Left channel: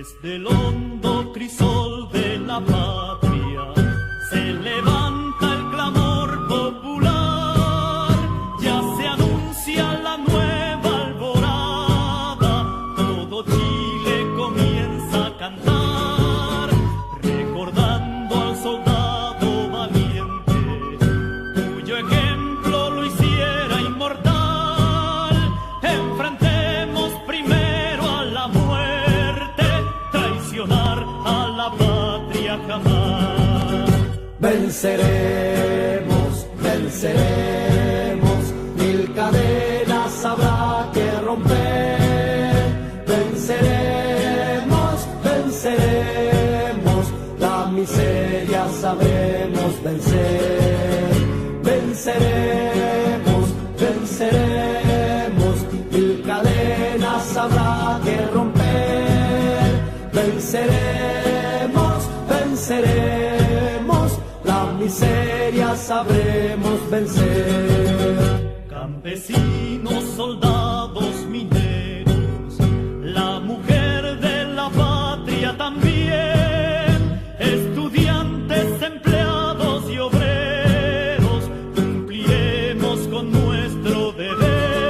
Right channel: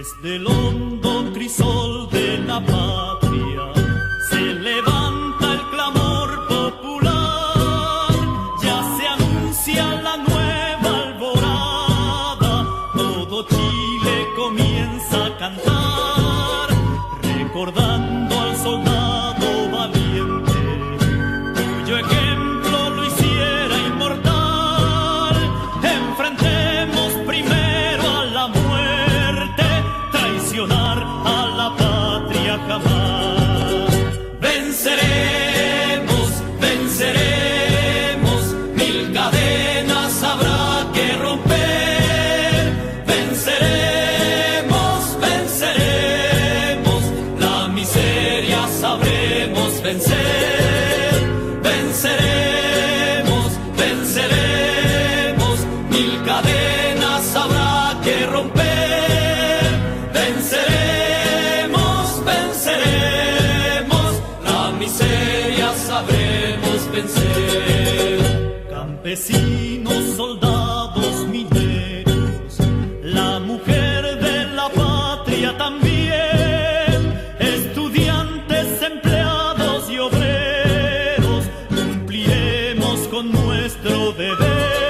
Desde el hondo crisol de la patria se levanta el clamor popular, ya se anuncia la nueva alborada, todo Chile comienza a cantar, recordando al soldado valiente, cuyo ejemplo lo hiciera inmortal. Enfrentemos primero a la muerte, traicionar a la patria jamás. Venceremos, venceremos, mil cadenas habrá que romper. Venceremos, venceremos, la miseria sabremos vencer. Venceremos, venceremos, mil cadenas habrá que romper. Venceremos, venceremos, la miseria sabremos vencer. Campesinos, soldados, mineros, la mujer de la patria también, estudiantes, empleados y obreros, cumpliremos con nuestro deber.